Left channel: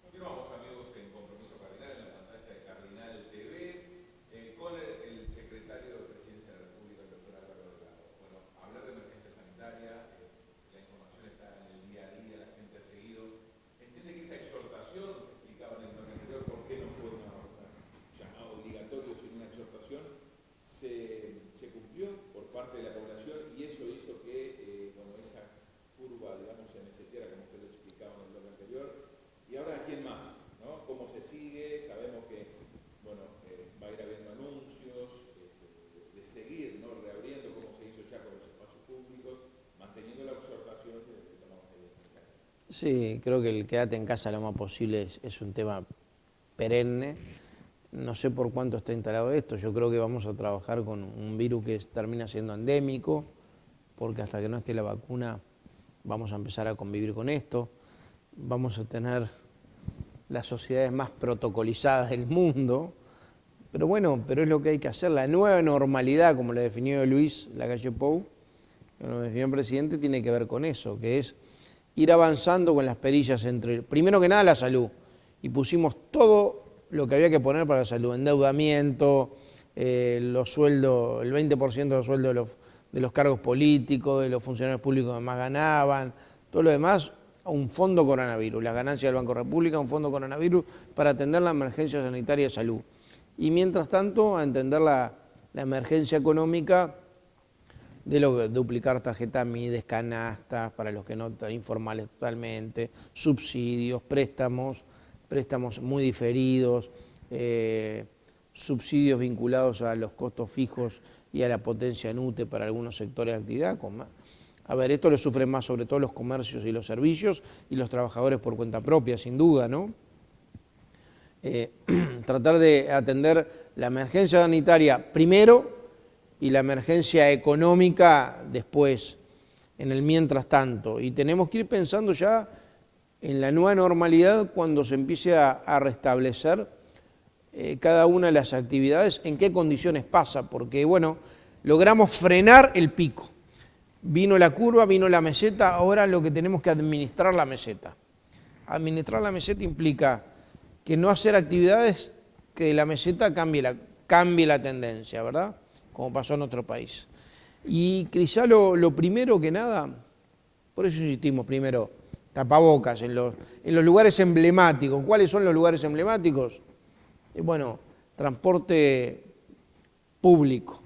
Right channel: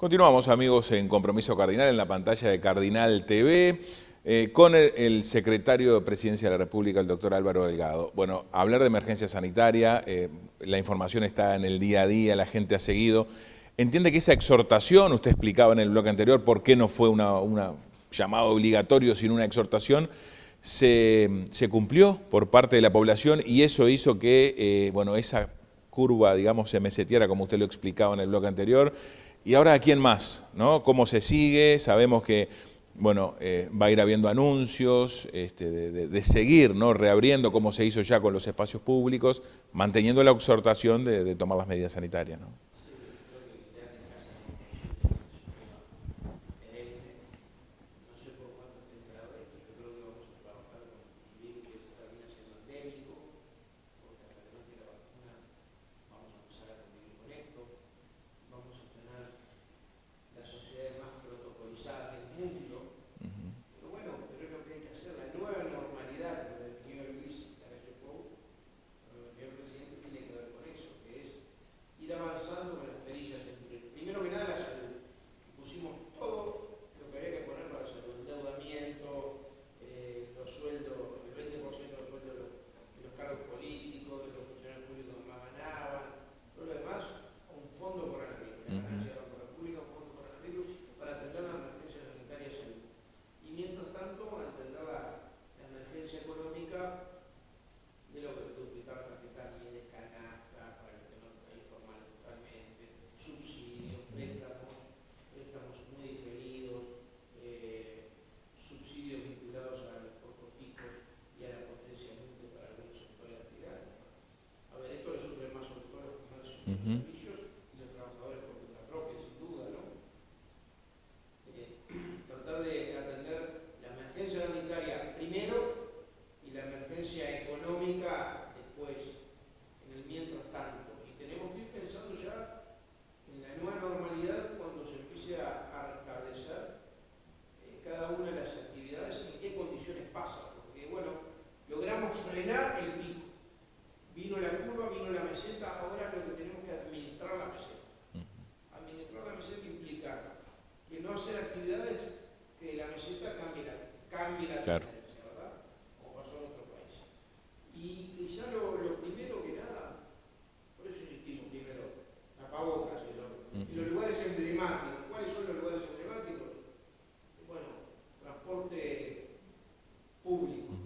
Continuamos, amigos, en Compromiso Cardinal, en la pantalla de Cardinal TV, con el secretario de Presidencia de la República, el doctor Álvaro Delgado. Bueno, hablar de emergencia sanitaria, la información está en el día a día, la gente ha seguido. Entiende que esa exhortación, usted explicaba en el bloque anterior por qué no fue una llamado obligatorio, sino una exhortación, se cumplió por parte de la población y eso hizo que, bueno, esa curva, digamos, se meseteara, como usted lo explicaba en el bloque anterior. Y ahora, ¿a quién más? ¿No? ¿Cómo se sigue? Sabemos que, bueno, va a ir habiendo anuncios de seguir, ¿no? Reabriendo, como se hizo ya con los espacios públicos, manteniendo la exhortación de tomar las medidas sanitarias, ¿no? Sí, creo que el quédate en casa lo más posible es un tema perenne. No sé por cuánto está instalado esto. Yo creo que vamos a trabajar con un virus que termina siendo endémico, porque hasta que no esté la vacuna vamos a empezar a convivir con esto. Vamos a tener las sociedades más protocolizadas del mundo, pero bueno, pero es lo que hay que hacer. La nueva normalidad, como lo definió Luis Lacalle Pou, como lo definió el presidente, tiene que ver con eso, que es ir avanzando con las perillas entre, primero que nada, la salud, y pusimos todo lo que había que poner para la salud, endeudamiento, los sueldos, el 20% de los sueldos de los cargos políticos, de los funcionarios públicos que más ganaban, todo lo demás, un fondo coronavirus, la ganancia del Banco República, un fondo coronavirus para atender la emergencia sanitaria de salud. Y mientras tanto, a entender la emergencia económica de lo que duplicar tarjetas MIDES, canastas, para los que no están informales totalmente, subsidios, préstamos muy diferidos, subsidios vinculados a los costos fijos y a la potencia en UTE para algunos sectores de actividad. A ver, esto lo sufren más sobre todo los comercios y los servicios y los trabajadores por cuenta propia, sin duda, ¿no? Tratar de atender la emergencia sanitaria primero y la emergencia económica después, en el mientras tanto. Y tenemos que ir pensando ya en la nueva normalidad cuando se empiece a restablecer cada una de las actividades, en qué condiciones pasa, porque, bueno, logramos frenar el pico. Vino la curva, vino la meseta, ahora lo que tenemos que administrar la meseta. Administrar la meseta implica que no hacer actividades que la meseta cambie la tendencia, ¿verdad? Como pasó en otro país. Y quizá lo primero que nada, por eso insistimos primero, tapabocas en los lugares emblemáticos. ¿Cuáles son los lugares emblemáticos? Bueno, transporte público.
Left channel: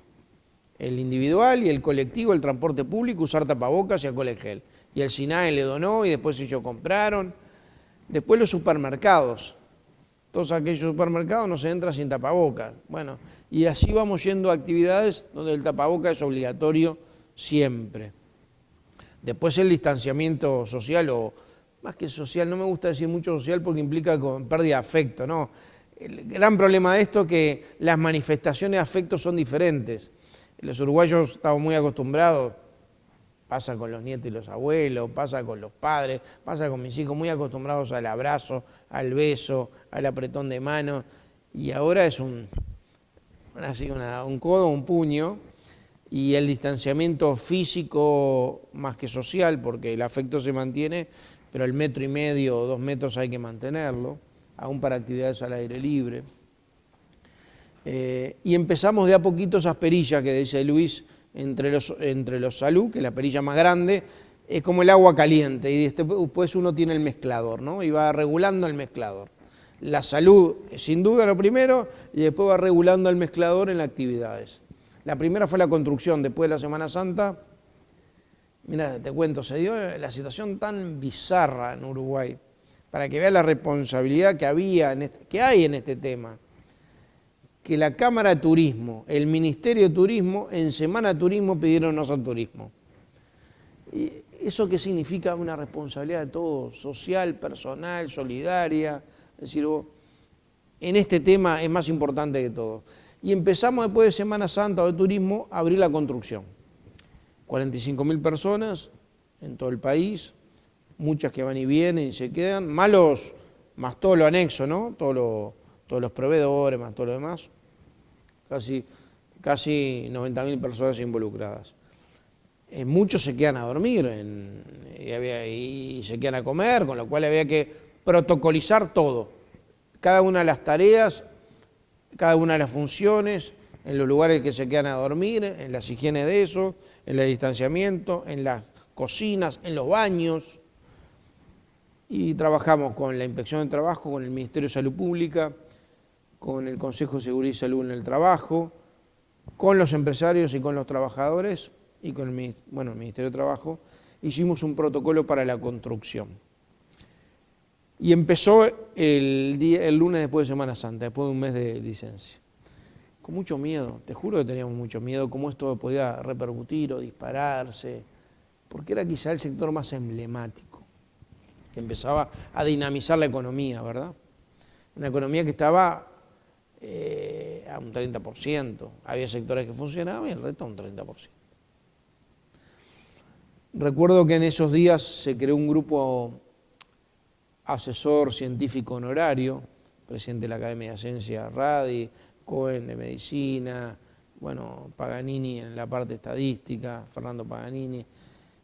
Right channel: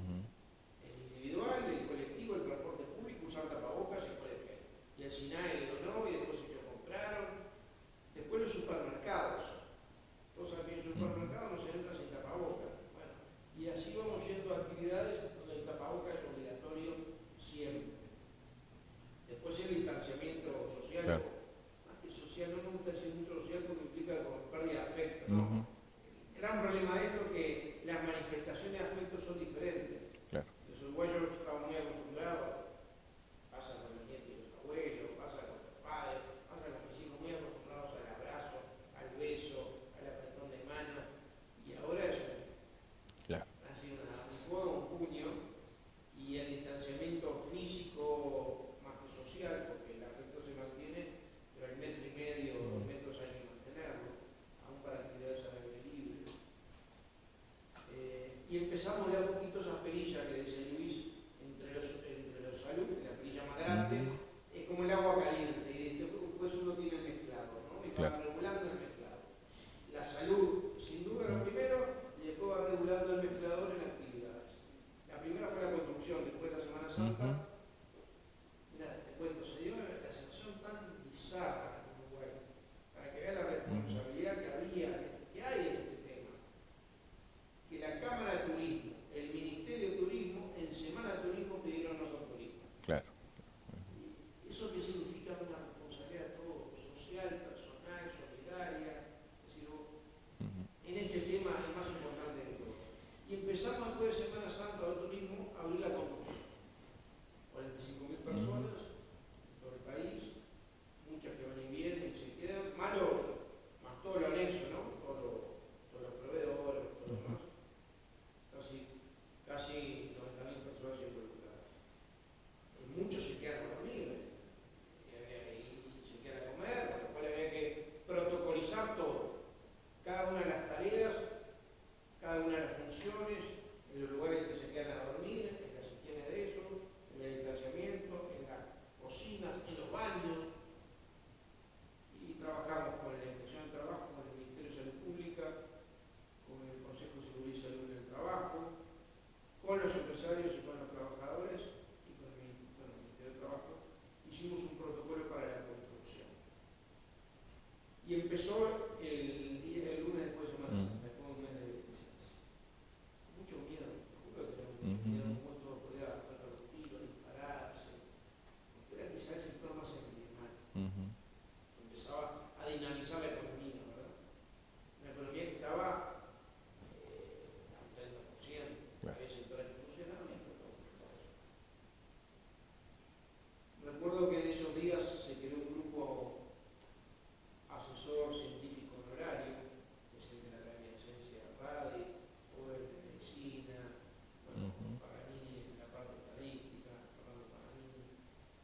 El individual y el colectivo, el transporte público, usar tapabocas y alcohol en gel. Y el SINAE le donó y después ellos compraron. Después los supermercados. Todos aquellos supermercados no se entra sin tapabocas. Bueno, y así vamos yendo a actividades donde el tapabocas es obligatorio siempre. Después el distanciamiento social, o más que social, no me gusta decir mucho social porque implica con pérdida de afecto, ¿no? El gran problema de esto es que las manifestaciones de afecto son diferentes. Los uruguayos estamos muy acostumbrados, pasa con los nietos y los abuelos, pasa con los padres, pasa con mis hijos, muy acostumbrados al abrazo, al beso, al apretón de mano, y ahora es un codo, un puño, y el distanciamiento físico más que social, porque el afecto se mantiene, pero el 1,5 metros o 2 metros hay que mantenerlo, aún para actividades al aire libre. Y empezamos de a poquito esas perillas que dice Luis entre los salud, que es la perilla más grande, es como el agua caliente, y después uno tiene el mezclador, ¿no? Y va regulando el mezclador. La salud, sin duda, lo primero, y después va regulando el mezclador en las actividades. La primera fue la construcción, después de la Semana Santa. Mira, te cuento, se dio la situación tan bizarra en Uruguay, para que veas la responsabilidad que hay en este tema. Que la Cámara de Turismo, el Ministerio de Turismo, en Semana de Turismo pidieron no hacer turismo. Claro. ¿Y eso qué significa? Una responsabilidad de todos, social, personal, solidaria. Es decir, en este tema es más importante que todo. Y empezamos después de Semana Santa o de turismo a abrir la construcción. 45.000 personas en todo el país, muchas que van y vienen y se quedan, más todo lo anexo, ¿no? Todos los proveedores, más todo lo demás. Casi 90.000 personas involucradas. Muchos se quedan a dormir y se quedan a comer, con lo cual había que protocolizar todo, cada una de las tareas, cada una de las funciones, en los lugares que se quedan a dormir, en las higienes de eso, en el distanciamiento, en las cocinas, en los baños. Y trabajamos con la Inspección de Trabajo, con el Ministerio de Salud Pública, con el Consejo de Seguridad y Salud en el Trabajo, con los empresarios y con los trabajadores y con el Ministerio de Trabajo. Hicimos un protocolo para la construcción. Y empezó el lunes después de Semana Santa, después de un mes de licencia. Con mucho miedo, te juro que teníamos mucho miedo, cómo esto podía repercutir o dispararse, porque era quizá el sector más emblemático, que empezaba a dinamizar la economía, ¿verdad? Una economía que estaba a un 30%, había sectores que funcionaban y el resto a un 30%. Recuerdo que en esos días se creó un grupo asesor científico honorario, presidente de la Academia de Ciencias Radi, Cohen de Medicina, bueno, Paganini en la parte estadística, Fernando Paganini.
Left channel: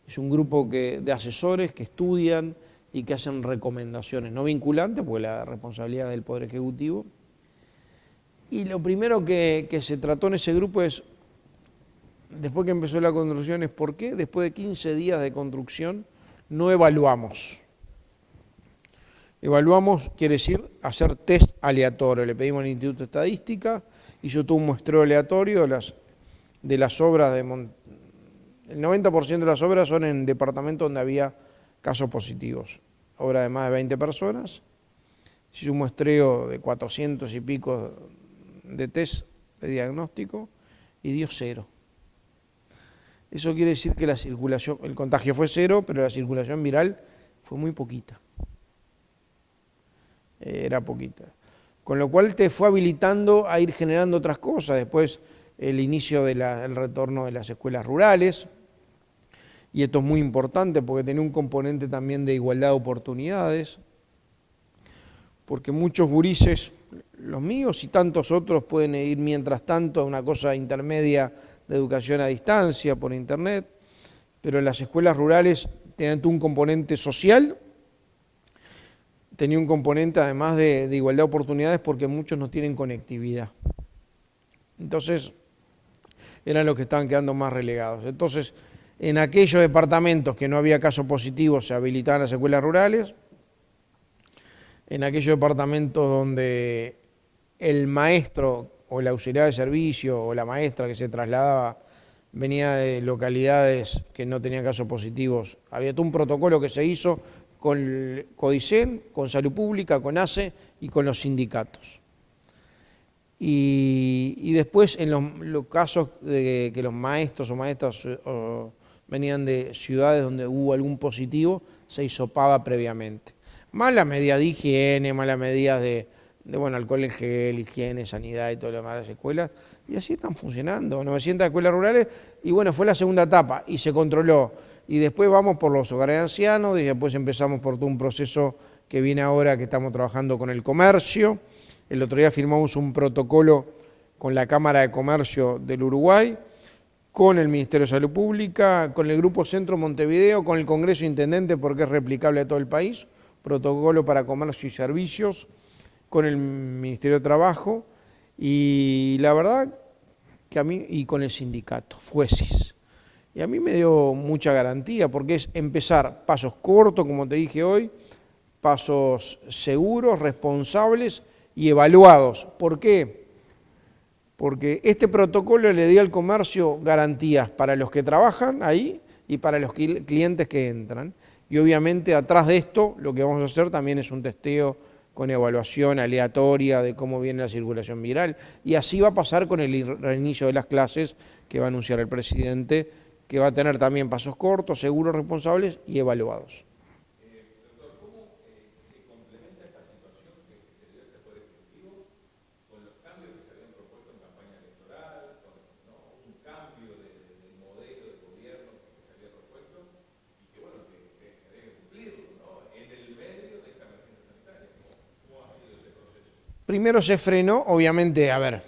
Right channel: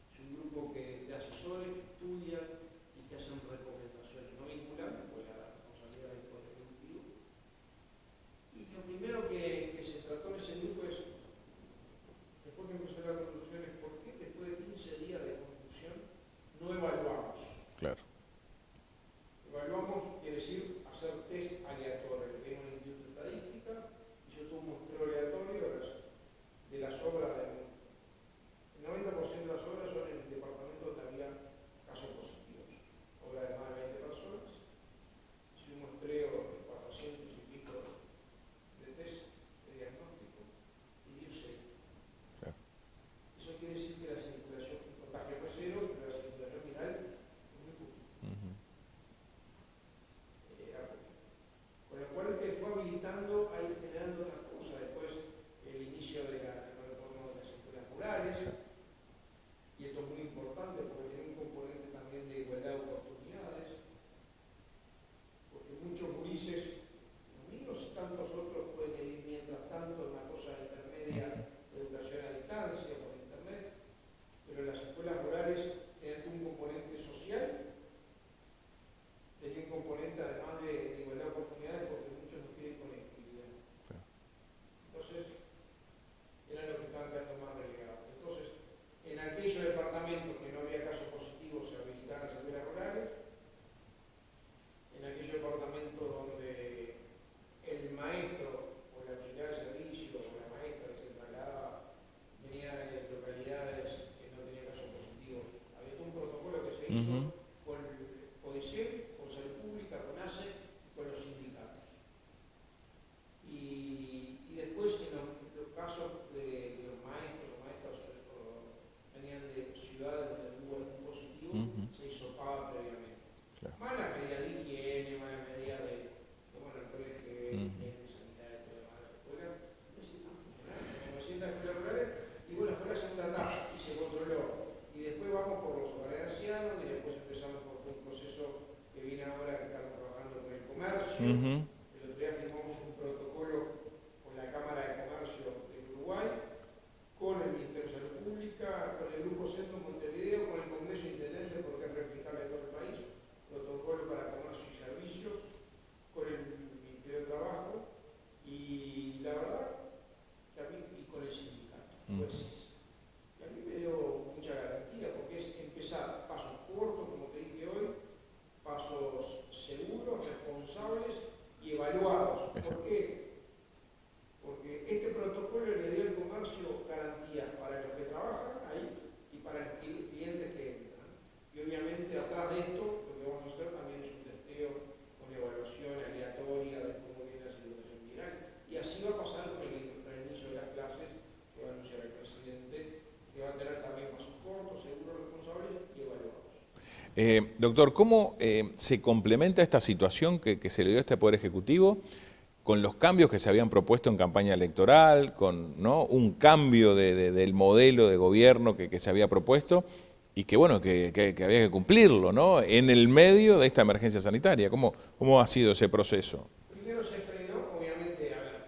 Es un grupo de asesores que estudian y que hacen recomendaciones, no vinculantes, porque la responsabilidad del Poder Ejecutivo. Y lo primero que se trató en ese grupo es, después que empezó la construcción, es por qué después de 15 días de construcción no evaluamos. Claro. Evaluamos quiere decir hacer test aleatorio. Le pedimos al Instituto de Estadística, hizo todo un muestreo aleatorio de las obras. El 90% de las obras son en departamentos donde había casos positivos. Obra de más de 20 personas. Hizo un muestreo de 400 y pico de test de diagnóstico y dio 0. Eso quiere decir que la circulación, el contagio fue 0, pero la circulación viral fue muy poquita. Era poquita. Con lo cual te fue habilitando a ir generando otras cosas. Después el inicio del retorno de las escuelas rurales. Y esto es muy importante porque tiene un componente también de igualdad de oportunidades. Porque muchos gurises, los míos y tantos otros, pueden ir mientras tanto a una cosa intermedia de educación a distancia por internet, pero en las escuelas rurales tienen un componente social, tenía un componente además de igualdad de oportunidades porque muchos no tienen conectividad. Entonces, eran los que estaban quedando más relegados. Entonces, en aquellos departamentos que no había casos positivos se habilitaban las escuelas rurales, en aquellos departamentos donde el maestro o el auxiliar de servicio o la maestra que se trasladaba venía de localidades que no tenían casos positivos, había todo un protocolo que se hizo con Codicen, con Salud Pública, con ACE y con los sindicatos. Y después en los casos de que los maestros o maestras venían de ciudades donde hubo algún positivo, se hisopaba previamente. Más las medidas de higiene, más las medidas de alcohol en gel, higiene, sanidad y todo lo demás de las escuelas. Y así están funcionando, 900 escuelas rurales. Y bueno, fue la segunda etapa y se controló. Y después vamos por los hogares de ancianos y después empezamos por todo un proceso que viene ahora, que estamos trabajando con el comercio. El otro día firmamos un protocolo con la Cámara de Comercio del Uruguay, con el Ministerio de Salud Pública, con el Grupo Centro Montevideo, con el Congreso Intendente, porque es replicable a todo el país, protocolo para comercio y servicios, con el Ministerio de Trabajo, y la verdad que a mí, y con el sindicato, FUESIS. Y a mí me dio mucha garantía, porque es empezar pasos cortos, como te dije hoy, pasos seguros, responsables y evaluados. ¿Por qué? Porque este protocolo le dio al comercio garantías para los que trabajan ahí y para los clientes que entran. Y obviamente atrás de esto lo que vamos a hacer también es un testeo con evaluación aleatoria de cómo viene la circulación viral. Y así va a pasar con el reinicio de las clases que va a anunciar el presidente, que va a tener también pasos cortos, seguros, responsables y evaluados. Doctor, ¿cómo se complementa esta situación que se le dio a este Poder Ejecutivo con los cambios que se habían propuesto en campaña electoral, con un cambio del modelo de gobierno que se había propuesto y que bueno, que había que cumplirlo, ¿no? En el medio de esta emergencia sanitaria. ¿Cómo ha sido ese proceso? Primero se frenó, obviamente, a ver,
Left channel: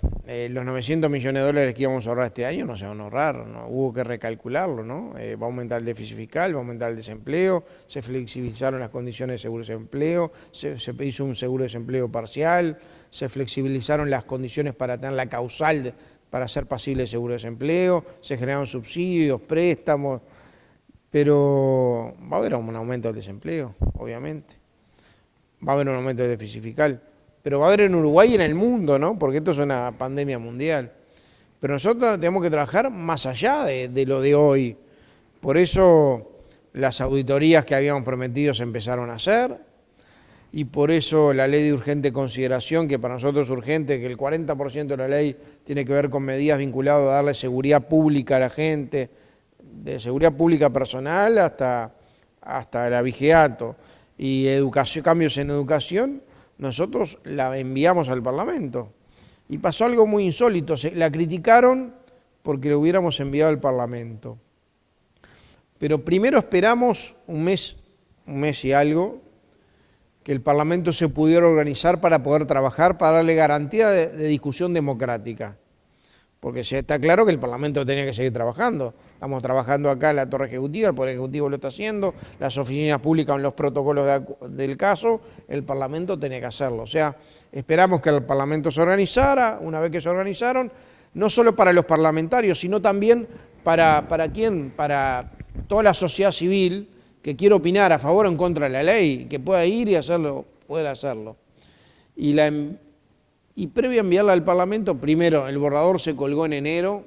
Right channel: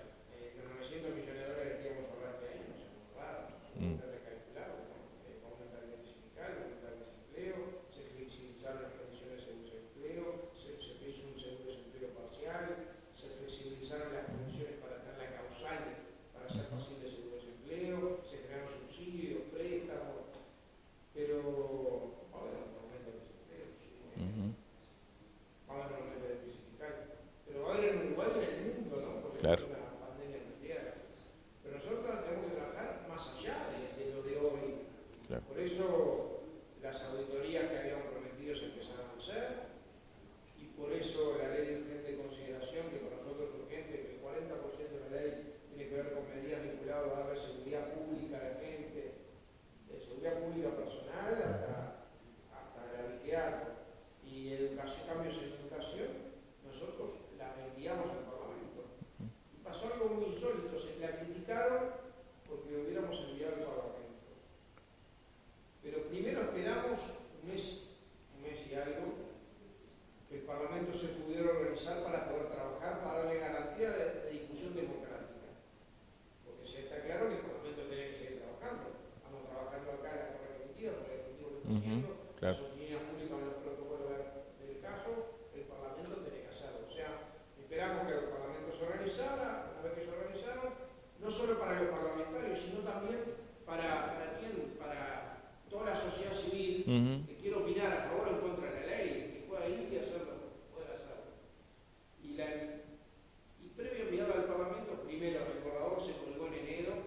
los 900 millones de dólares que íbamos a ahorrar este año no se van a ahorrar, ¿no? Hubo que recalcularlo, ¿no? Va a aumentar el déficit fiscal, va a aumentar el desempleo, se flexibilizaron las condiciones de seguro de desempleo, se hizo un seguro de desempleo parcial, se flexibilizaron las condiciones para tener la causal para ser pasible de seguro de desempleo, se generaron subsidios, préstamos, pero va a haber un aumento del desempleo, obviamente. Va a haber un aumento del déficit fiscal, pero va a haber en Uruguay y en el mundo, ¿no? Porque esto es una pandemia mundial. Pero nosotros tenemos que trabajar más allá de lo de hoy. Por eso las auditorías que habíamos prometido se empezaron a hacer, y por eso la ley de urgente consideración, que para nosotros es urgente, que el 40% de la ley tiene que ver con medidas vinculadas a darle seguridad pública a la gente, de seguridad pública personal hasta el abigeato, y educación, cambios en educación, nosotros la enviamos al Parlamento. Y pasó algo muy insólito, la criticaron porque lo hubiéramos enviado al Parlamento. Pero primero esperamos un mes y algo, que el Parlamento se pudiera organizar para poder trabajar, para darle garantía de discusión democrática. Porque está claro que el Parlamento tenía que seguir trabajando. Estamos trabajando acá en la Torre Ejecutiva, el Poder Ejecutivo lo está haciendo, las oficinas públicas en los protocolos del caso, el Parlamento tenía que hacerlo. O sea, esperamos que el Parlamento se organizara, una vez que se organizaron, no solo para los parlamentarios, sino también para toda la sociedad civil que quiere opinar a favor o en contra de la ley, que pueda ir y hacerlo, poder hacerlo. Y previo a enviarla al Parlamento, primero el borrador se colgó en enero,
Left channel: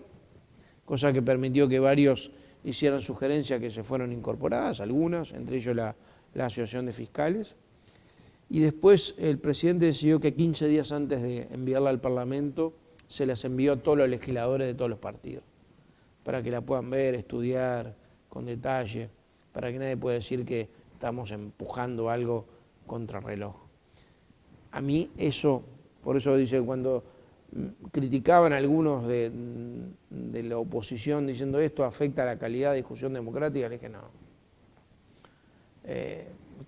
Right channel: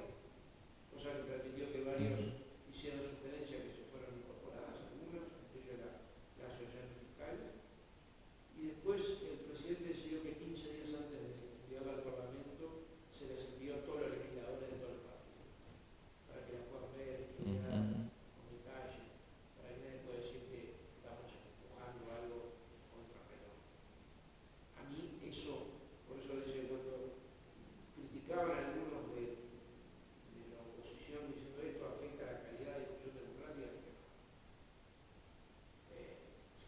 cosa que permitió que varios hicieran sugerencias que se fueron incorporadas, algunas, entre ellos la Asociación de Fiscales. Y después el presidente decidió que 15 días antes de enviarla al Parlamento se las envió a todos los legisladores de todos los partidos, para que la puedan ver, estudiar con detalle, para que nadie pueda decir que estamos empujando algo contra reloj. A mí eso, por eso dice, cuando criticaban algunos de la oposición diciendo esto afecta a la calidad de discusión democrática, le dije no.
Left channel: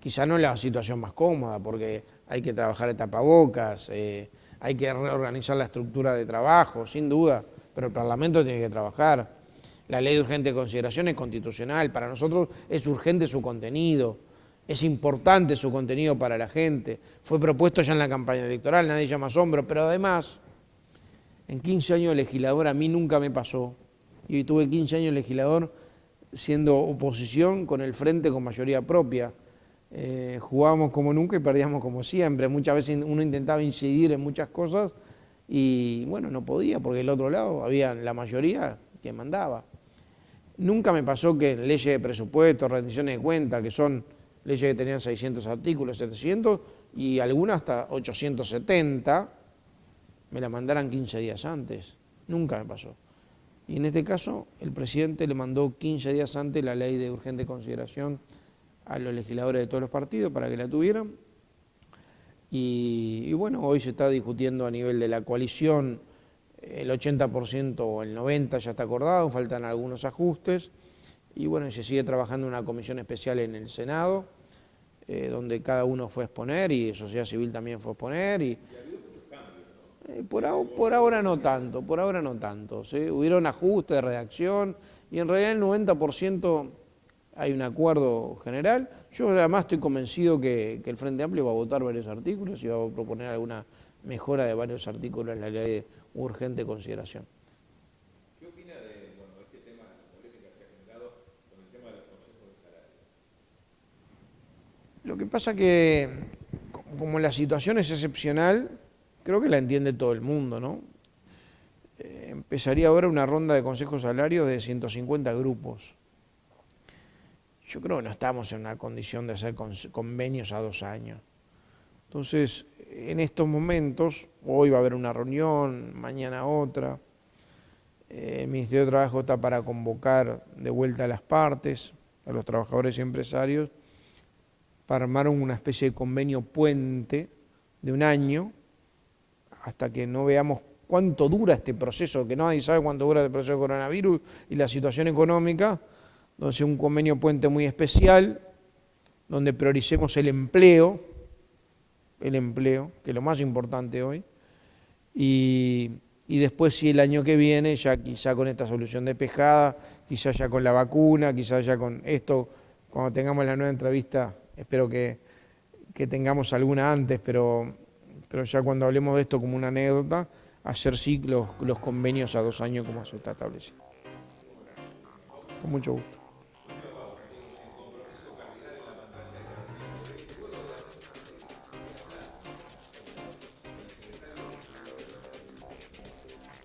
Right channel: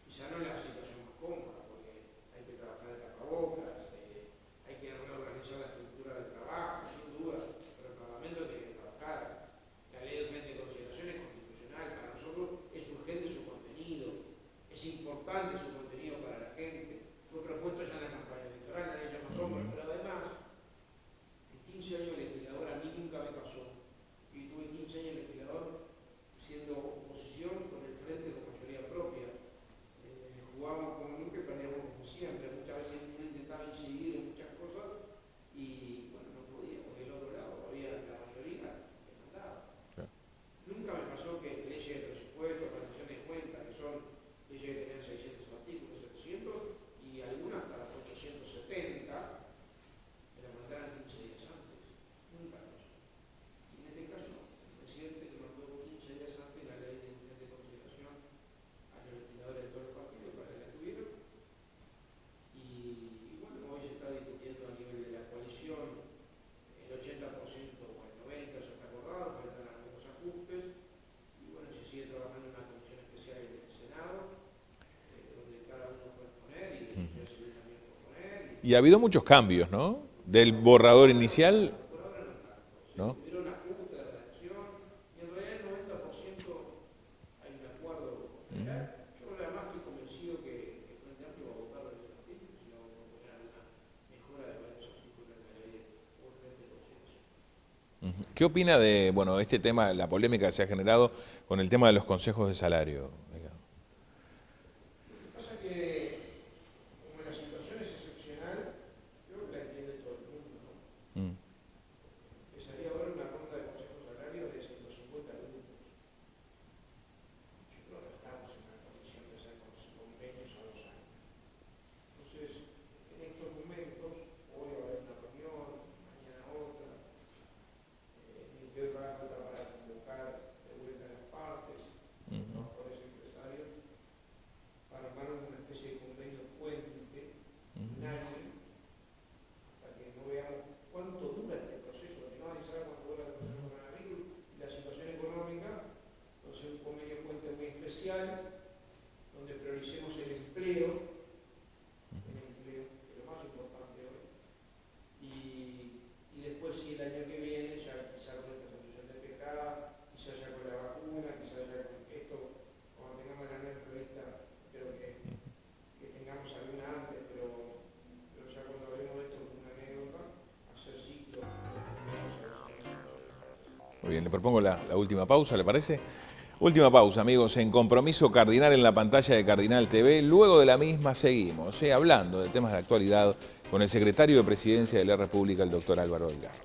Quizá no es la situación más cómoda, porque hay que trabajar de tapabocas, hay que reorganizar la estructura de trabajo, sin duda, pero el Parlamento tiene que trabajar. La ley de urgente consideración es constitucional, para nosotros es urgente su contenido, es importante su contenido para la gente, fue propuesto ya en la campaña electoral, nadie llama asombro, pero además, en 15 años de legislador a mí nunca me pasó, y hoy tuve 15 años de legislador siendo oposición con el frente con mayoría propia, jugábamos como nunca y perdíamos como siempre, muchas veces uno intentaba incidir en muchas cosas y bueno, no podía porque del otro lado había la mayoría que mandaba. Nunca me pasó que leyes de presupuesto, rendiciones de cuentas, que son leyes que tenían 600 artículos, 700 y algunas hasta 870, me la mandaran 15 días antes. Nunca me pasó. Y en este caso, el presidente le mandó 15 días antes la ley de urgente consideración a los legisladores de todos los partidos para que la tuvieran. Y bueno, hoy se está discutiendo a nivel de la coalición, el 80% o el 90% ya está acordado, faltan algunos ajustes. Y bueno, se sigue trabajando en una comisión especial en el Senado, donde cada uno fue a exponer y sociedad civil también fue a exponer. Y ha habido muchos cambios, ¿no? Del borrador inicial. Por ahora no tanto. ¿Sí? ¿No? Hubieron ajustes de redacción y en realidad el 90% hay un acuerdo general. Yo además estoy convencido que el Frente Amplio va a votar varios artículos y va a proponer alguna mejora de varios artículos en la ley de urgente consideración. ¿Qué opina de este tema, la polémica que se ha generado con el tema de los consejos de salario? Lo que pasa que, como la situación es excepcional, creo que la entiende todo el mundo, ¿no? Empezaría ahora una ronda de consejos de salario de 150 grupos. Yo creo que no estamos en una condición de hacer convenios a 2 años. Entonces, en estos momentos, hoy va a haber una reunión, mañana otra. El Ministerio de Trabajo está para convocar de vuelta a las partes, a los trabajadores y empresarios, para armar una especie de convenio puente de 1 año, hasta que no veamos cuánto dura este proceso, que nadie sabe cuánto dura el proceso de coronavirus y la situación económica, donde sea un convenio puente muy especial, donde prioricemos el empleo, que es lo más importante hoy, y después si el año que viene, ya quizá con esta solución despejada, quizá ya con la vacuna, quizá ya con esto, cuando tengamos la nueva entrevista, espero que tengamos alguna antes, pero ya cuando hablemos de esto como una anécdota, hacer sí los convenios a 2 años como eso está establecido. Muy bien, le propongo la última pausa, ¿le parece? Mucho. Última pausa, amigos, en Compromiso Cardinal en la pantalla de Cardinal TV. Luego de la misma seguimos, hablando de temas de actualidad con el secretario de Presidencia de la República, el doctor Álvaro Delgado.